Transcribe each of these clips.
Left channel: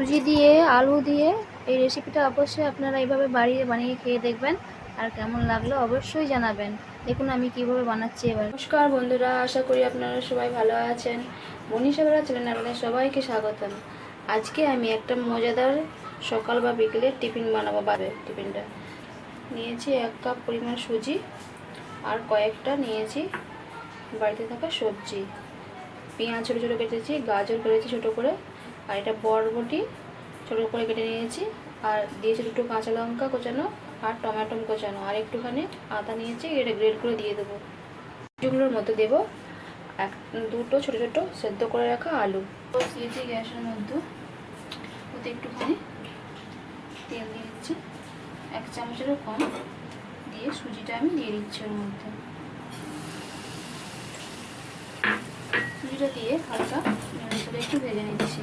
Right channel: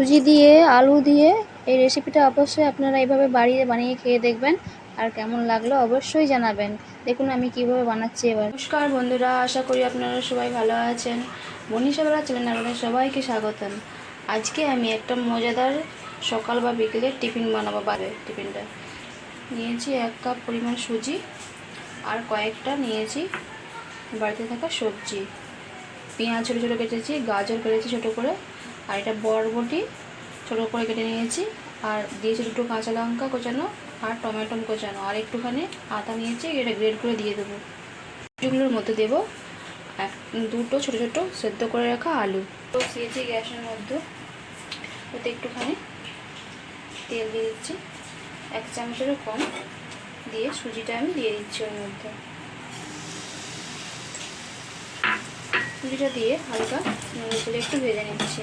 সুজি দিয়ে আলু দিয়ে এই রেসিপিটা অবশ্যই আপনারা এইভাবে বানিয়ে খেয়ে দেখবেন, আর কেমন লাগলো অবশ্যই জানাবেন। দেখুন আমি কিভাবে বানাচ্ছি এবার। নমস্কার বন্ধুরা, আশা করি আপনারা সবাই ভালো আছেন। মনীষাবেলা চ্যানেলে আপনাদের সবাইকে স্বাগতম। আজকে আমি একটা মজাদার সকাল বা বিকেলের টিফিন বানাবো। টিফিনটা নিয়েছি 1 কাপ পরিমাণ সুজি, আর কয়েকটা নিয়েছি বাড়িতে থাকা সবজি। পেঁয়াজ ছোটো ছোটো কেটেছি, গাজর কেটেছি ছোটো করে, আর এটা বরবটি ছোটো করে কেটে নিয়েছি, আর দিয়েছি 2টো কাঁচা লঙ্কা কোচানো, আর টমেটো কোচানো, আর একটুখানি আদা নিয়েছি, এটা গ্রেড করে দিয়ে দেবো। এগুলোর মধ্যে দেবো 2টো ছোটো ছোটো সেদ্ধ করে রাখা আলু। বসিয়েছি গ্যাসের মধ্যে, ওতে একটুখানি তেল দিয়ে দিচ্ছি, 1 চামচেরও কম দিয়ে সুজিটা আমি দিয়ে দিচ্ছি ওর মধ্যে। সুজিটা দিয়ে হালকা নেড়ে করে একটু ভেজে নিচ্ছি।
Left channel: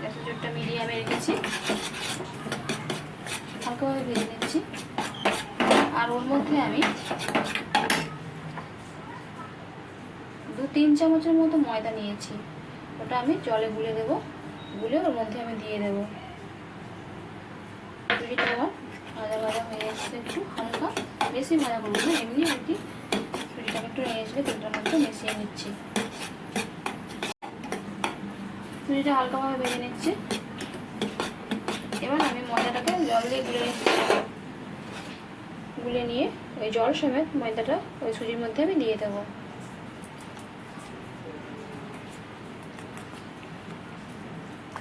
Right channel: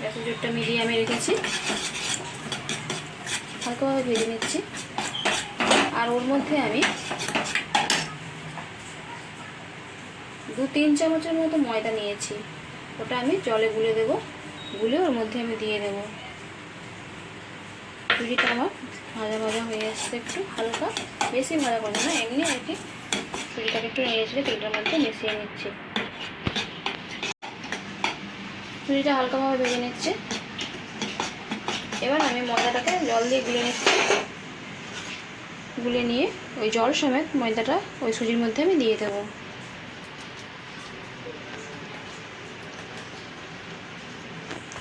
গ্যাসের জোরটা মিডিয়ামে রেখেছি, হালকাভাবে ভেজে নিচ্ছি। আর ওর মধ্যে আমি 2-3 চামচের মতো ময়দা নিয়েছি, ওটা আমি জলে গুলে দেবো, গুলে ওর মধ্যে আমি দিয়ে দেবো। সুজিটা আমার ভাজা ভাজা হয়ে আসছে, একটু হালকা, বেশি ভাজা করবো না, এমনি আর কি। সুজিটাকে একটু নেড়ে চেড়ে তেলটার মধ্যে মিশিয়ে নিচ্ছি। সুজিটা হালকাভাবে ভেজে নিচ্ছে। এবার আমি ময়দাটাকে জল দিয়ে গুলে নিচ্ছি। গুলে নিয়ে ওই জল সমেত ময়দাটা ওই সুজির মধ্যে আমি দিয়ে দেবো।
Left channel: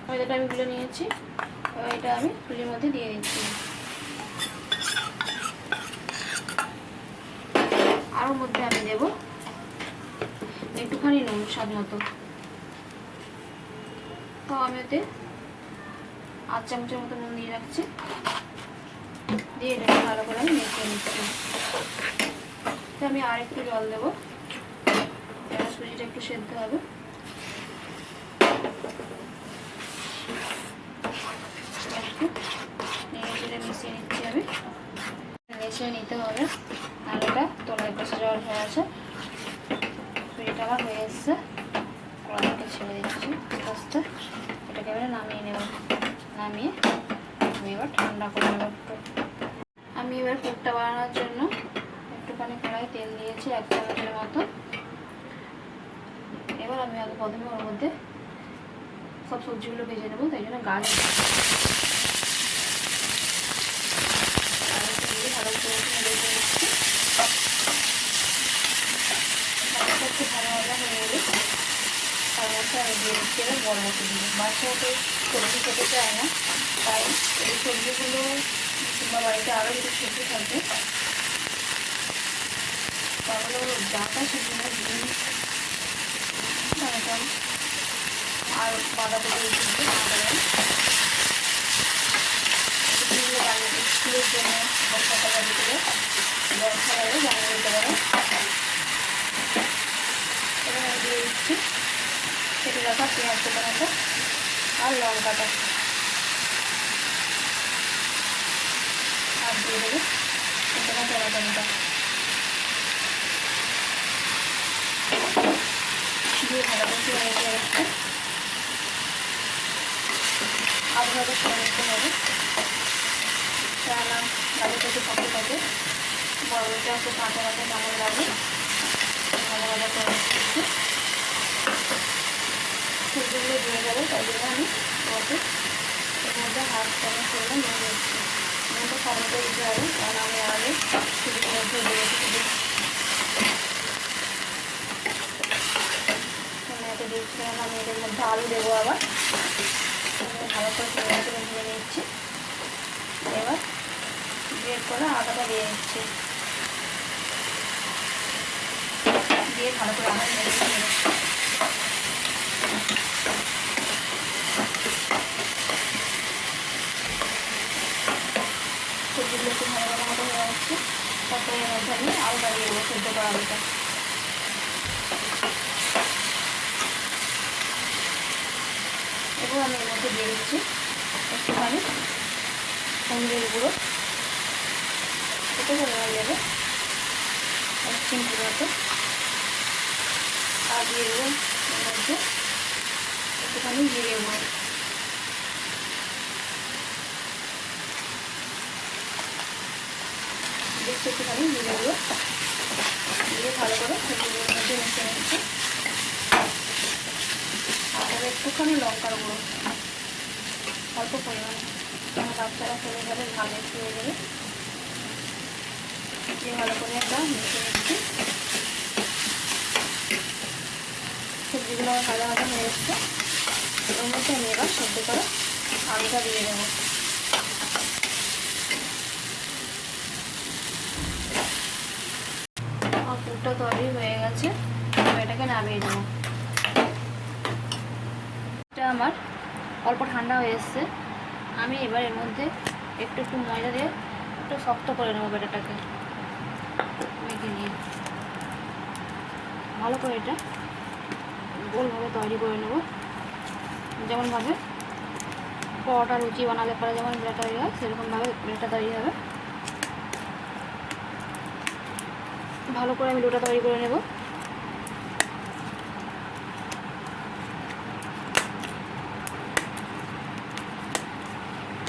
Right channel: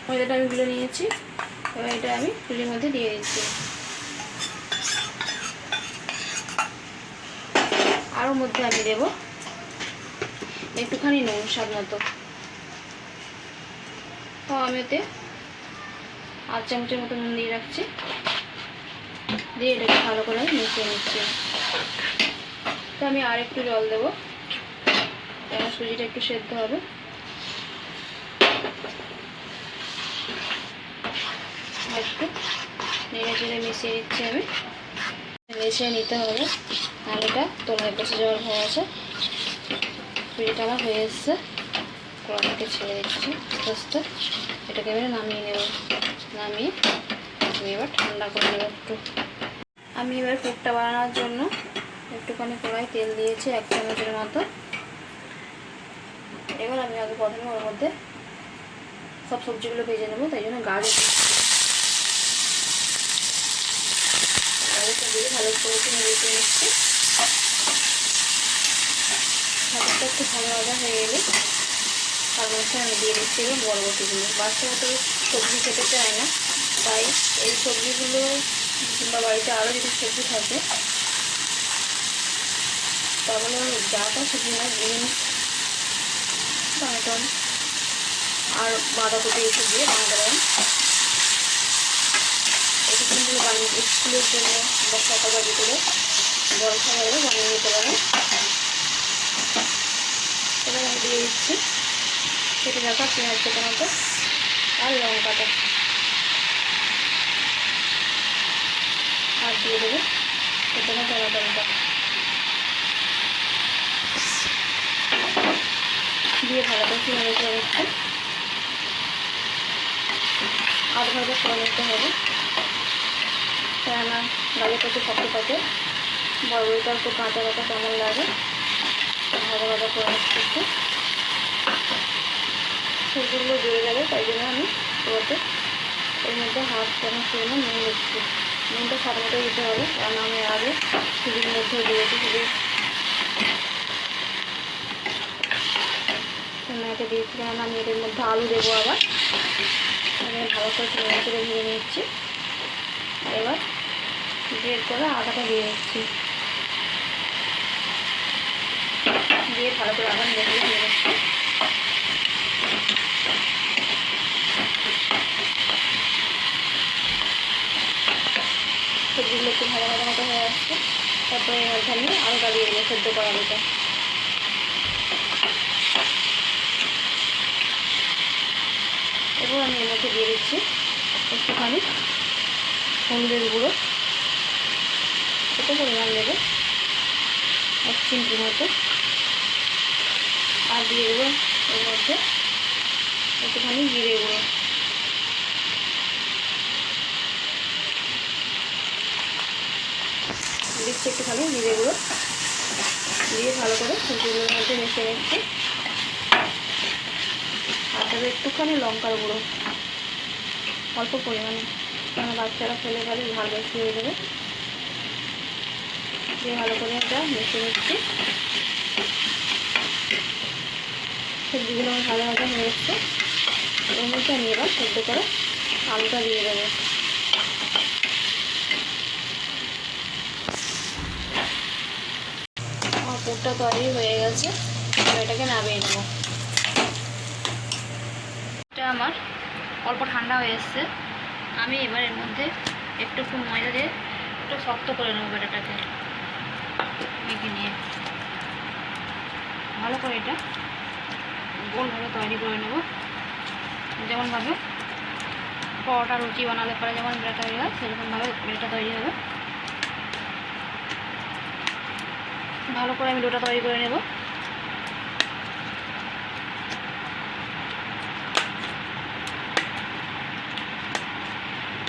ময়দাটা আমি গুলে নিয়েছি, এবার এটা আমি সুজির মধ্যে দিয়ে দিচ্ছি। আর ওর মধ্যে আমি দেবো একটুখানি নুন স্বাদ মতো। তো আমি ওতে 8 চামচের মতো নুন দিয়ে রাখছি, দিয়ে এটাকে ভালো করে মিশিয়ে নিচ্ছি। তো আমি আর একটু জল দেবো, এবার সুজিটা একটু সেদ্ধ হবে। একটু নেড়ে চেড়ে মিশিয়ে নিচ্ছি আমি, মিশিয়ে নিতে হবে, আর এটা তলায় বসে যাওয়ার হয়ে আছে। সুজিটা আমার হয়ে এসছে, কড়াইটাকে ছেড়ে দিচ্ছি আস্তে আস্তে। এটাকে এবারে নামিয়ে নেব, নামিয়ে আমি এবার ঠান্ডা করে নেব একটু। আমি এবার কেকটা বানানোর জন্য একটুখানি কড়াই তেল দিয়েছি 1 চামচের মতো। এবার আমি আগে প্রথমে ওর মধ্যে সব সবজিগুলো ভেজে নেবো, তাই জন্য গাজর দিয়ে ভালো করে নেড়ে নিচ্ছি। গাজরটা একটু ভালো ভাজা হয়ে গেলে তার মধ্যে আমি দিয়ে দিচ্ছি এবার বরবটিগুলো। বাচ্চারা তো সবজি খেতে চায় না, তাই এই সবজিগুলো কিংবা বাড়িতে আরও যদি সবজি থাকে তাহলে ডাঁটা শুধু না, বিনস, টমেটো আর বাঁধাকপি একটু দিয়ে বানাতে পারেন। এগুলো বানিয়ে স্কুলের জন্য বা সকালবেলা বিকেলে জলখাবারে বানিয়ে নিতে পারেন। এবার আমি দিয়ে দিচ্ছি কেটে রাখা পেঁয়াজ টমেটো আর লঙ্কাটা, আর দিয়ে দেবো কেটে রাখা টমেটোটা দিয়ে ভালো করে নেড়ে চেড়ে একটু 8 ভাজা করে নিতে হবে, রান্না গাজরটা একটু শক্ত থাকে, বড়টা একটু কাঁচা কাঁচা কেমন লাগে, ভাজা ভাজা করে নিচ্ছি। সবজিগুলো দিয়ে যাবে, তাই জন্য আমি এবারে এর মধ্যে 1/2 চামচ পরিমাণ নুন নিচ্ছি। নুনটা স্বাদ মতো দিতে হবে, কারণ আমি আগে সুজির মধ্যে দিয়েছি। টমেটো দিয়েছি, কারণ আমি এর মধ্যে আলু দেবো আবার। আমি ভালো করে নেড়ে চেড়ে ভেজে নিচ্ছি। এবার গ্রেট করে আদাটা দিয়ে দিচ্ছি, দিয়ে ভালো করে আবার নেড়ে নেড়ে সবজিগুলো একটু ভালো ভালো মতো হয়ে আসছে। তারপরে এর মধ্যে আমি আলুটা দিয়ে দেবো, সেদ্ধ করা আলুটা। এবার আমি এর মধ্যে দিয়ে দিচ্ছি একটুখানি হলুদের গুঁড়ো, ছোটো পরিমাণ দেবো 1 চিমটির মতো, আর দিয়ে দেবো এর মধ্যে একটুখানি জিরে গুঁড়ো। একটুখানি জিরে গুঁড়ো দিয়ে ভালো করে সুজিগুলোর মধ্যে মিশিয়ে নিচ্ছি। আর তবে একটুখানি লঙ্কার গুঁড়ো অল্প পরিমাণে, কারণ বাচ্চারা খেলে গেলে ভালো খেয়ে দেবে। দিয়ে ভালো করে একটা মিশিয়ে নিচ্ছি। সবজিগুলো ভাজা ভাজা হয়ে এসছে। এর মধ্যে আমি এবার সেদ্ধ করে আলুটা দিয়ে দেবো। আমার পুরটা তৈরি হয়ে গেছে, এটাকে নামিয়ে নেবো। এটা আমার অল্প ঠান্ডা হয়ে এসছে। আমি এবার এর মধ্যে একটু ময়দা দিয়ে একটু শক্ত করে নেবো ব্যাটারটাকে মেখে নিয়ে। ভালো করে এটা গোলভাবে তৈরি করে নেব, যেমনভাবে পরোটা রুটি বানালে পরে যেমন ব্যাটার তৈরি হয় সেরকমভাবে ব্যাটার তৈরি হবে। ভালো করে আমি ডোটা তৈরি করে নেব।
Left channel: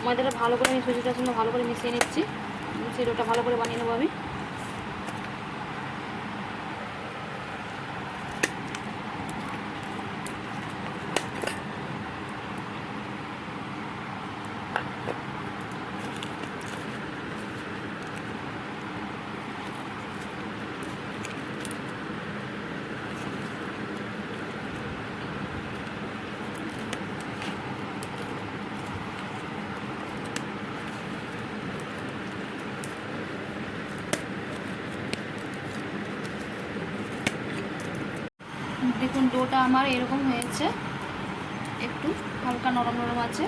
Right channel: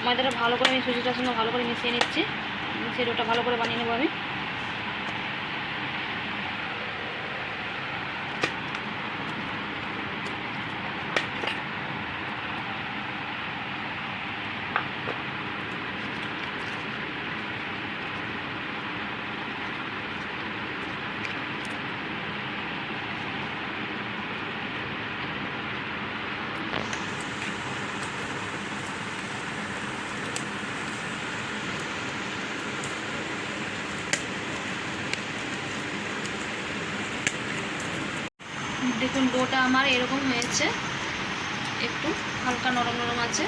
ময়দাটা ভালো করে আমি সুজিটার সঙ্গে ভালো করে মিশিয়ে নিচ্ছি। মিশিয়ে ডোটা ভালো করে বানিয়ে নেবো আমি। দেখুন ডোটা আমার এরকম হয়েছে, একটু হালকা নরম নরম আছে।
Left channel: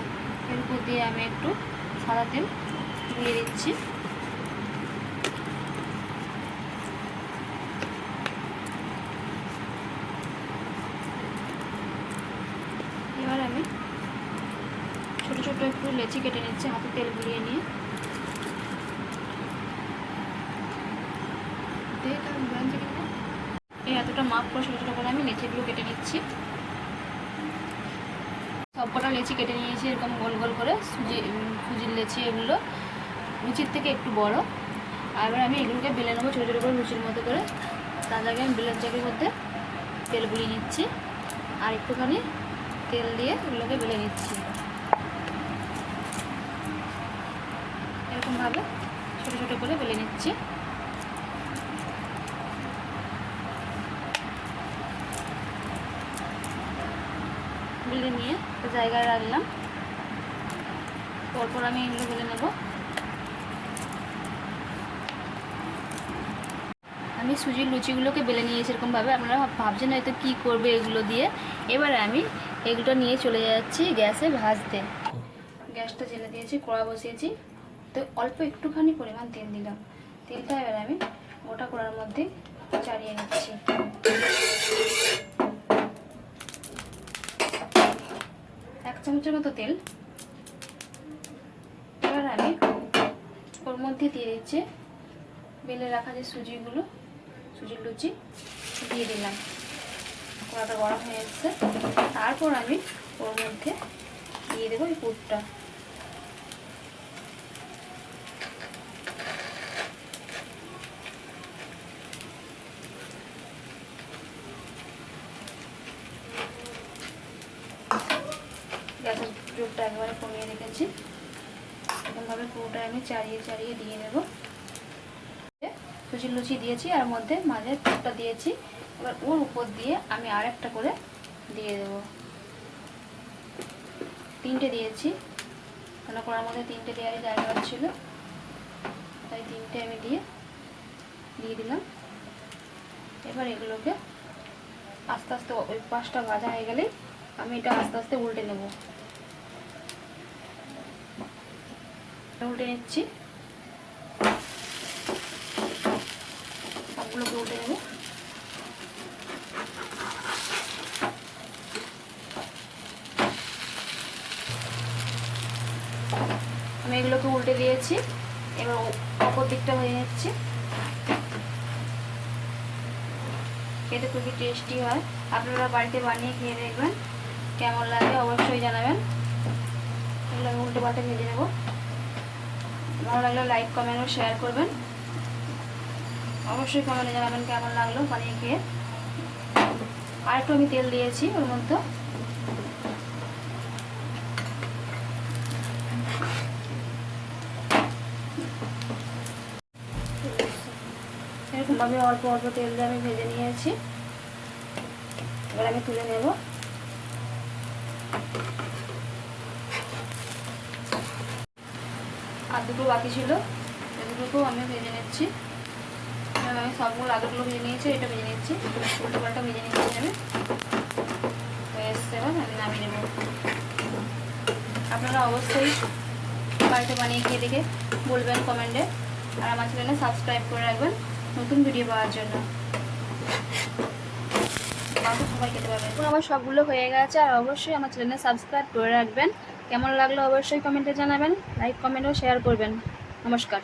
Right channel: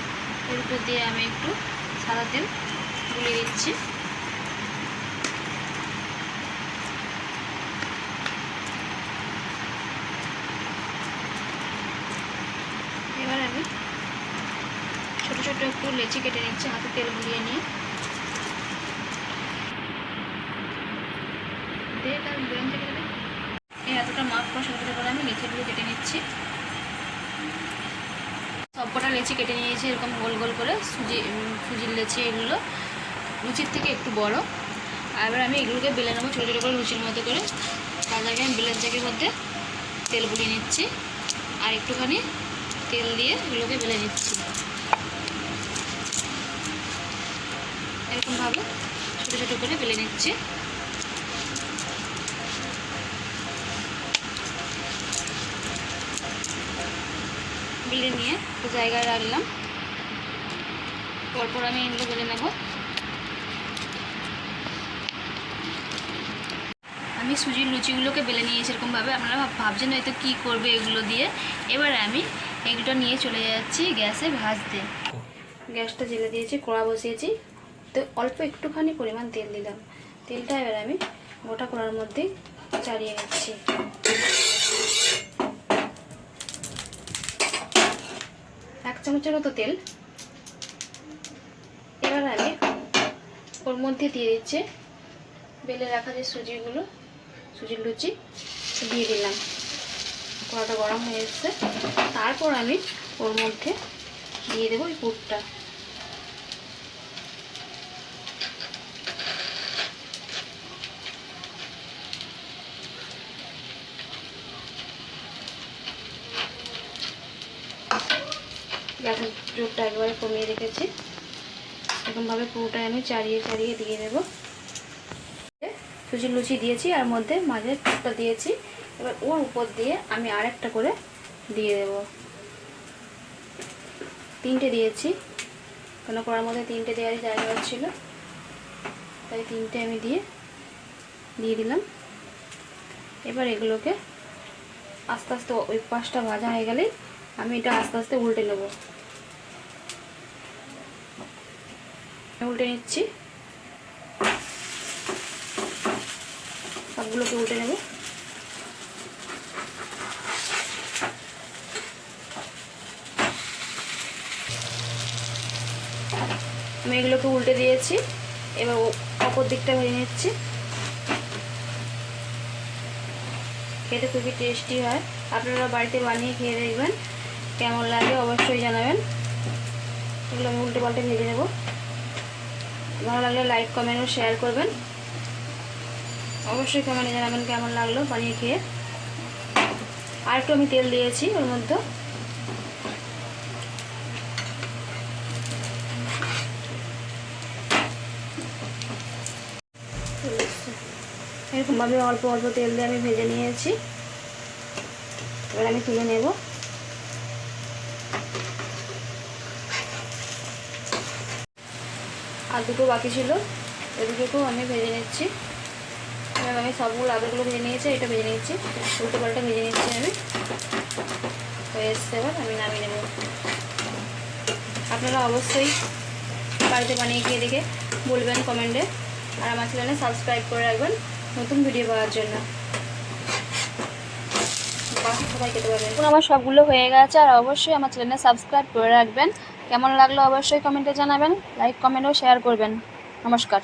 এর উপর দিয়ে আমি একটু সাদা তেল গুলিয়ে দিচ্ছি। এবার আমি ছোট ছোট একটু লেচি কেটে নিচ্ছি হাতে তেল গুলিয়ে নিয়ে। এই এতটা মাপ করে ছোটো ছোটো করে আমি লেচিগুলো কেটে নিচ্ছি। সবকটা লেচি কেটে নিয়েছি এরকম গোল গোল করে, সুজির লেচি এগুলো লুচির থেকে একটু বড়। আর এবার আমি এগুলোকে বেলে নেবো ছোটো ছোটো করে লুচির মতো করে। তার আগে আমি বেলের জায়গার মধ্যে তেল গুলিয়ে নিচ্ছি আর একটুখানি তেল দিয়ে এগুলোকে বেলে নিচ্ছি। এরকমভাবে ছোটো ছোটো করে বেলে নিচ্ছি। বেলে নিয়ে জায়গায় রাখলাম। পরপর আমি এগুলো বেলে নেব। আমি সুজির লুচিগুলোকে বেলে নিয়েছি এরকমভাবে। আপনারা ভাবছেন হয়তো কী করবে এগুলো দিয়ে। এবারে আমি এগুলো নিয়ে চলে যাচ্ছি গ্যাসে ভাজতে। গ্যাসটা জেলে দিয়েছি, কড়া বসিয়েছি। তো অল্প একটুখানি পরিমাণ তেল দিলাম। তেলটা এবার আমি গোটা কড়ার মধ্যে চালিয়ে নিচ্ছি। এক চামচের মতো তেল। এবার আমি ওর মধ্যে দিয়ে দিচ্ছি বেলে রাখা যে সুজিগুলো, সুজির লুচি দিয়ে দিলাম। কড়াটা গরম হয়ে এসছে। তারপর আমি ওর মধ্যে দিয়ে দেবো এই পুরটা। গ্যাসের জোরটা একবারে কমিয়ে রেখেছি। এরকমভাবে পুরোটা আমি চাড়িয়ে চাড়িয়ে দিয়ে দেবো। সুজির লুচি দিয়েছি আর মধ্যে মাঝে পুরটা দিয়েছি। এবার ওর উপর দিয়ে আমি আরেকটা করে দিয়ে দেব। 3টে দিয়েছি, কেন করার মধ্যে 3টে দেওয়ারই জায়গা ছিল, তাই 3টে আমি দিয়ে দিলাম। এবার এগুলোকে আস্তে আস্তে ওই পাশটা ভাজা হয়ে গেলেই আমি এটা আস্তে আস্তে উল্টে নেব। উল্টে নিচ্ছি, সবগুলোকে উল্টে নেব। আমি এগুলোকে উল্টে দিয়েছি। এবার ওপর দিকটা ভেজে নিচ্ছি। খেতে খুবই টেস্টি হয়। আপনারা বাড়িতে বানিয়ে খেয়ে দেখবেন, কেমন লাগে অবশ্যই জানাবেন। এগুলো আমি উল্টে পাল্টে ভেজে নেব। ভালো লাগলে লাইক কমেন্ট ও শেয়ার করবেন। অবশ্যই কমেন্টে জানাবেন কেমন লাগলো বানিয়ে খেয়ে। আর একটু আমি তেল দিয়েছি ওর মধ্যে। এরকমভাবে অল্প অল্প তেল দিয়ে আমি ভেজে নিয়েছি। এবার আমি তুলে নেব। আর দুটো বাকি ছিল, এই দুটোকেও আমি ভেজে নিচ্ছি। আমি সবগুলো আলুগুলো ভেজে নিয়েছি, এটা ভেজে নিচ্ছি, উল্টো পাল্টা ভেজে নিচ্ছি আমি। হয়ে এসছে, এবার আমি নামিয়ে নেব। আপনারা অবশ্যই বাড়িতে বানিয়ে খেয়ে দেখে বলবেন কমেন্টে, আর আমার চ্যানেলে সাবস্ক্রাইব করে রাখবেন নতুন ভিডিও পাওয়ার জন্য। বাকি সবাই খেতে পারবেন। এখন আমার সবগুলো হয়ে গেছে, আর অবশ্যই আমার চ্যানেলে সাবস্ক্রাইব করে রাখবেন। কেমন লাগলো অবশ্যই কমেন্টে জানাবেন, লাইক কমেন্ট ও শেয়ার করবেন। নমস্কার।